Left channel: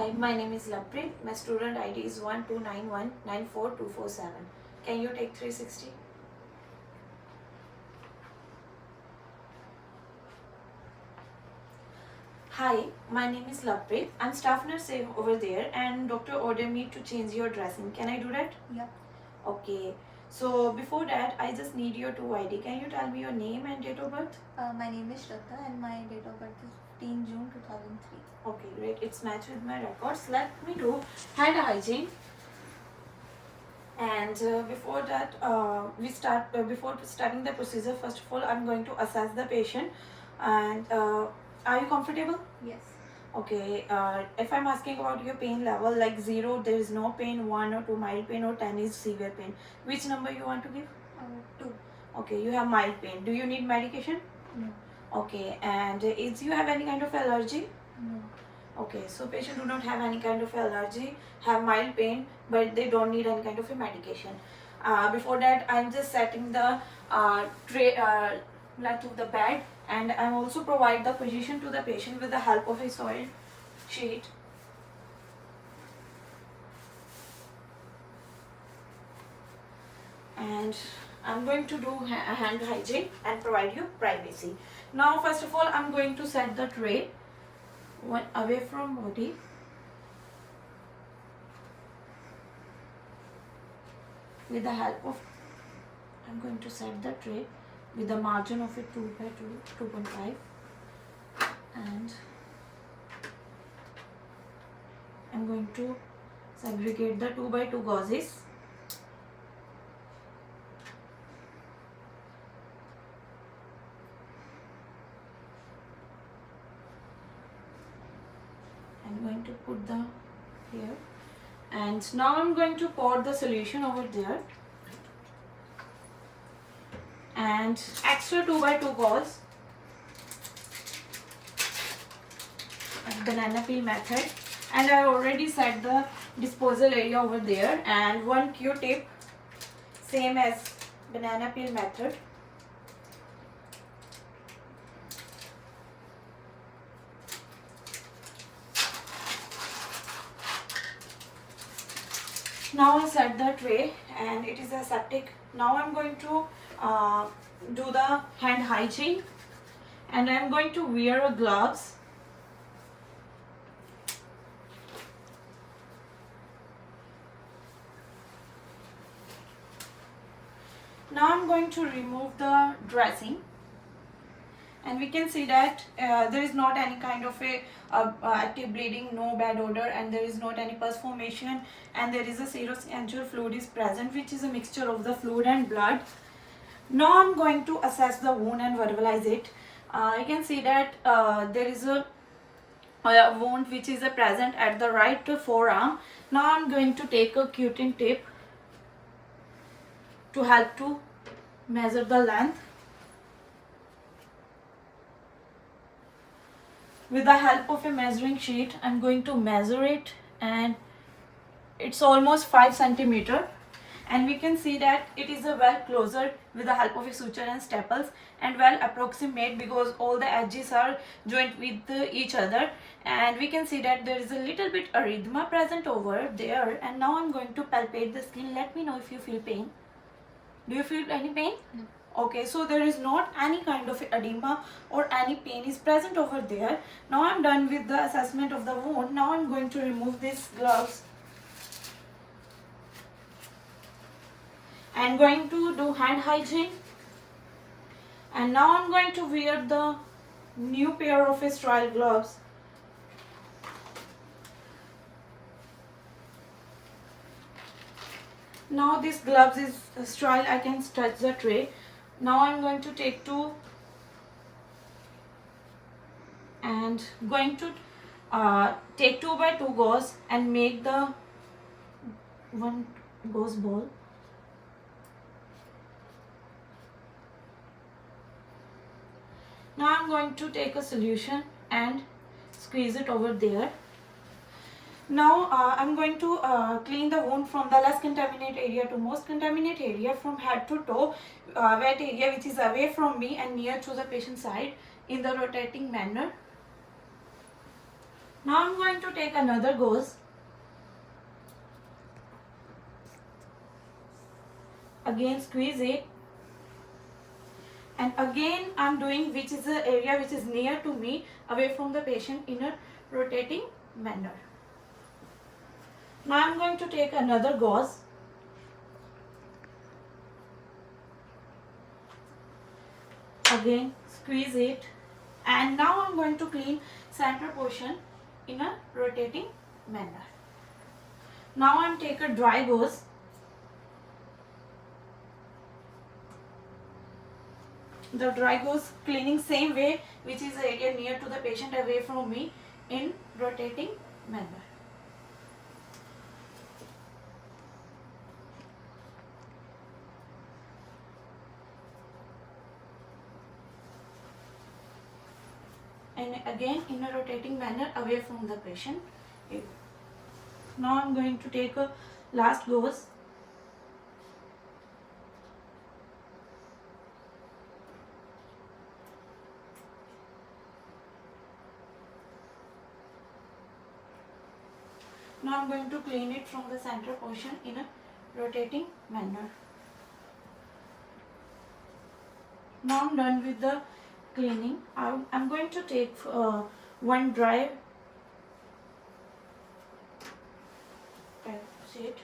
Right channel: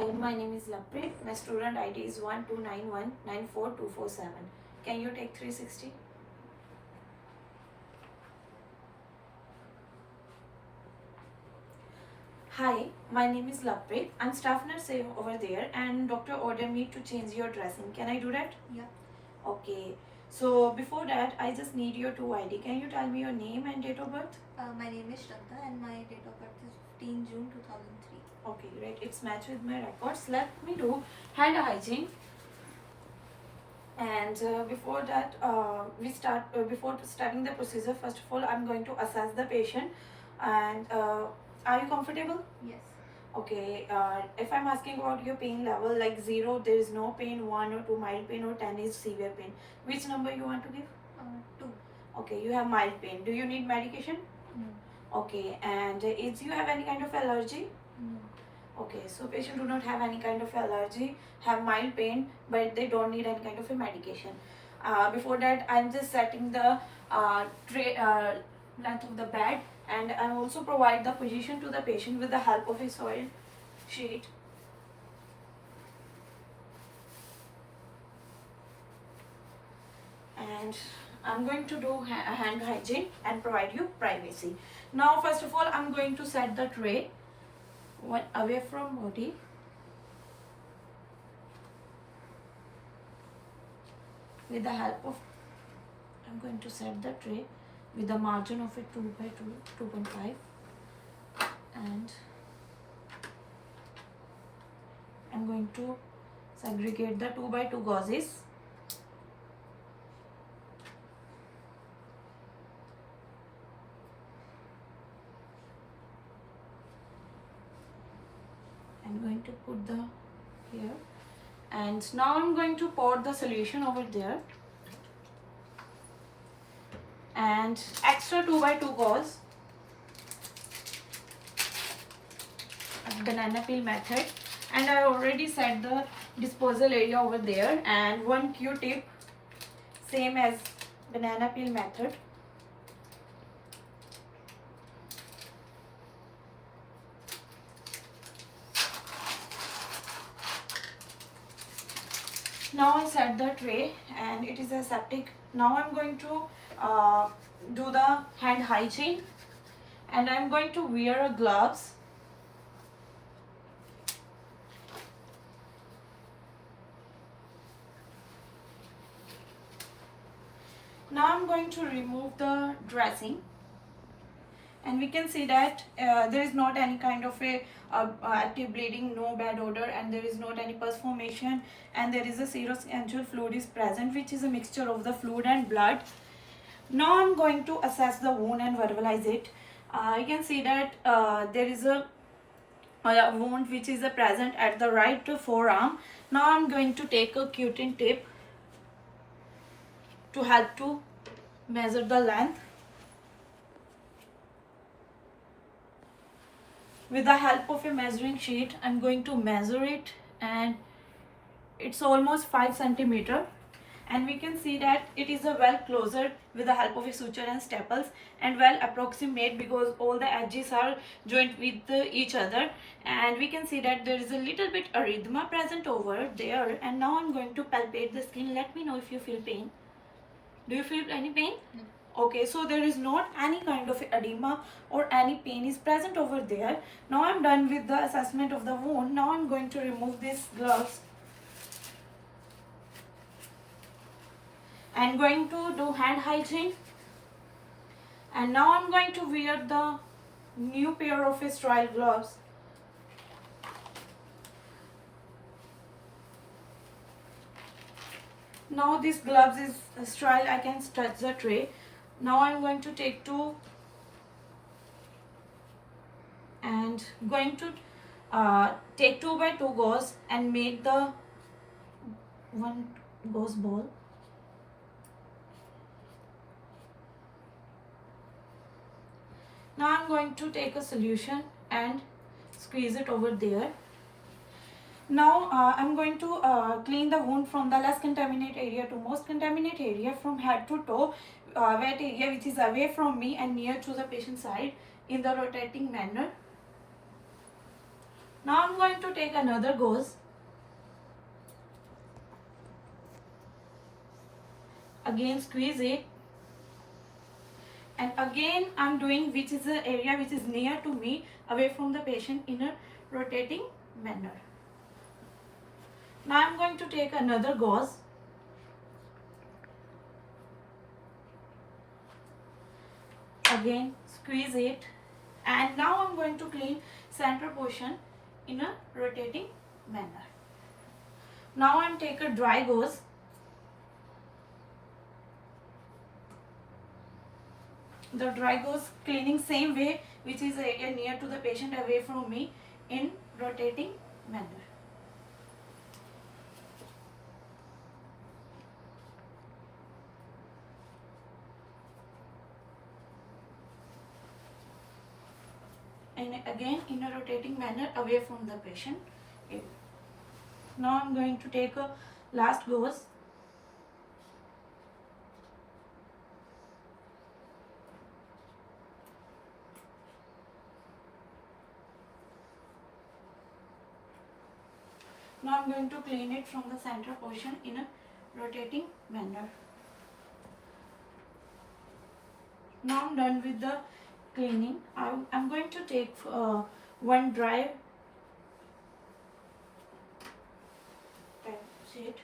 Hi, my name is Laprit. My student ID is 1291942447. Can you take 360? Hi, my name is Laprit. I'm staff nurse over there and doctor ordered me to change your dressing. Can I do that? Yeah. Okay. So before that, I just need your 2 ID. Can you tell me your name and date of birth? My name is Shraddha and my date of birth is 15 June 2003. Okay, great. It's matched with my records. Let me do hand hygiene. And before that, before starting the procedure, first of all, I'm going to assess the patient. And are you comfortable? Yes. Okay. If I'm asking about your pain level, like 0, there is no pain, 1 or 2 mild pain, or 10 is severe pain. Which number you want to give? 2. Okay, you have mild pain. Do you need medication? No. Okay. And is you have any kind of allergy? No. Okay, so patient do not have any kind of allergy, have mild pain, but they don't need any kind of a medication. Before that, I'm just setting the tray length of the bed, and I also provide the position to the patient with the help of a soiled sheet. And I'm going to do hand hygiene and provide you privacy. Now, first of all, I'm going to set the tray one away from body. With the help of, I'm going to set the tray with the margin of a 2 by 2.5, and I'm going to segregate the 2 by 2 gauzes. I'm going to put the here, and now I'm going to pour the solution over there, and extra 2 by 2 gauze, banana peel method, and I already set the disposal area over there, and one Q-tip, same as banana peel method. Now I set the tray and it is aseptic. Now I'm going to do the hand hygiene, and I'm going to wear gloves. Now I'm going to remove the dressing, and we can see that there is not any kind of a active bleeding, no bad odor, and there is not any pus formation, and there is a serous fluid is present, which is a mixture of the fluid and blood. Now I'm going to assess the wound and verbalize it. You can see that there is a wound which is present at the right forearm. Now I'm going to take a Q-tip tape to help to measure the length. With the help of a measuring sheet, I'm going to measure it, and it's almost 5 centimeter. And we can see that it is a well closer with the help of a suture and staples, and well approximate because all the edges are joined with each other. And we can see that there is a little bit erythema present over there. And now I'm going to palpate the skin. Let me know if you feel pain. Do you feel any pain? No. Okay, so there is not any kind of edema or any pain is present over there. Now I'm done with the assessment of the wound. Now I'm going to remove these gloves. I'm going to do hand hygiene, and now I'm going to wear the new pair of sterile gloves. Now this gloves is sterile, I can touch the tray. Now I'm going to take 2 and going to take 2 by 2 gauze and make the one gauze ball. Now I'm going to take a solution and squeeze it over there. Now I'm going to clean the wound from the less contaminated area to most contaminated area, from head to toe, wet area which is away from me and near to the patient side, in the rotating manner. Now I'm going to take another gauze. Again squeeze it. And again I'm doing which is the area which is near to me, away from the patient, in a rotating manner. Now I'm going to take another gauze. Again squeeze it. And now I'm going to clean center portion in a rotating manner. Now I'm take a dry gauze. The dry gauze cleaning same way, which is the area near to the patient, away from me, in rotating manner. And again in a rotating manner away from the patient. Now I'm going to take a last gauze. Now I'm going to clean it from the center portion in a rotating manner. Now I'm done with the cleaning. I'm going to take one dry sheet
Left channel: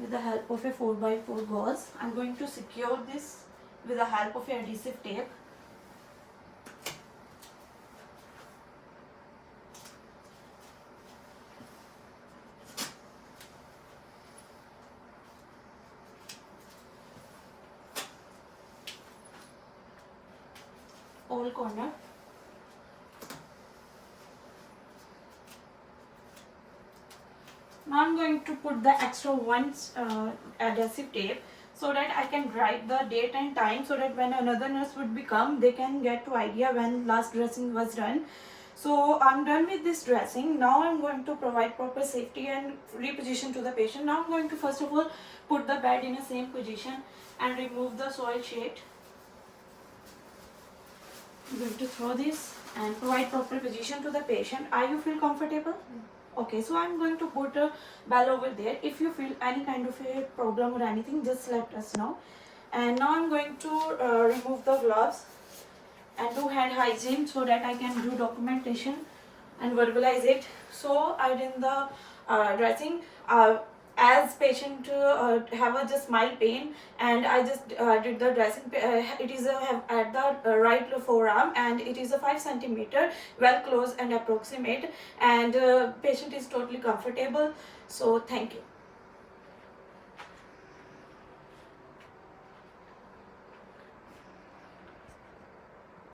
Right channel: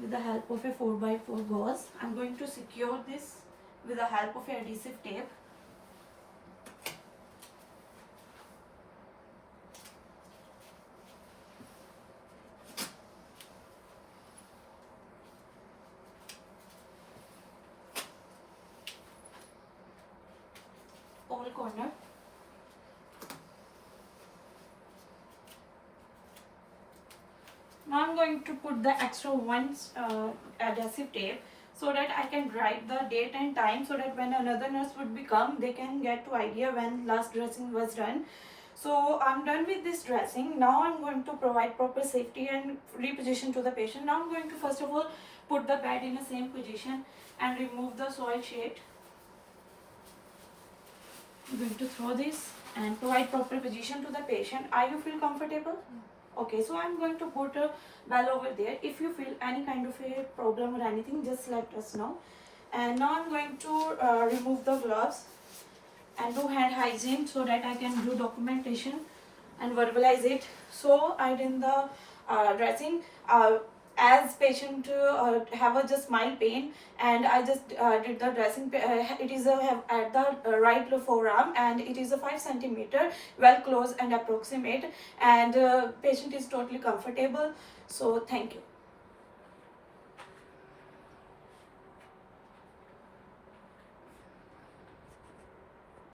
with the help of a 4x4 gauze. I'm going to secure this with the help of a adhesive tape. All corner. Now I'm going to put the extra one adhesive tape so that I can write the date and time, so that when another nurse would become, they can get to idea when last dressing was done. So I'm done with this dressing. Now I'm going to provide proper safety and reposition to the patient. Now I'm going to first of all put the bed in the same position and remove the soil sheet. I'm going to throw this and provide proper position to the patient. Are you feel comfortable? Okay, so I'm going to put a bell over there. If you feel any kind of a problem or anything, just let us know. And now I'm going to remove the gloves and do hand hygiene so that I can do documentation and verbalize it. So I did the dressing as patient have a just mild pain, and I just did the dressing. It is at the right forearm, and it is a 5 centimeter, well close and approximate, and patient is totally comfortable. So thank you.